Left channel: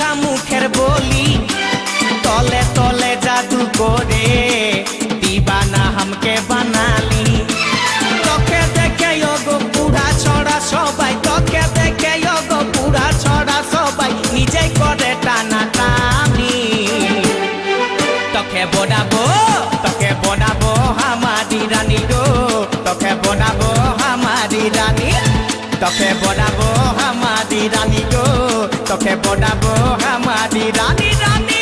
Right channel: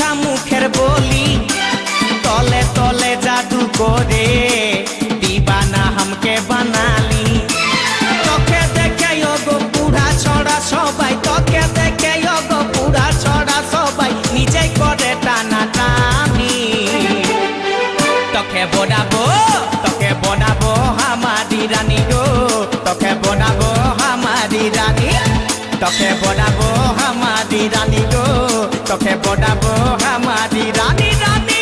মিঠা মুখের বলি তলে তলে জাদু করে दीवाना हमके बनाली তোকে দেখে গো পুরা ছড়া সবাই তোকে দেখে গো পুরা ছড়া সবাই নিজে করে টানা টানি তোকে বনাবো हमारी रानी गो তোকে বনাবো हमारी रानी তোকে বনাবো हमारी रानी गो তোকে বনাবো हमारी रानी रानी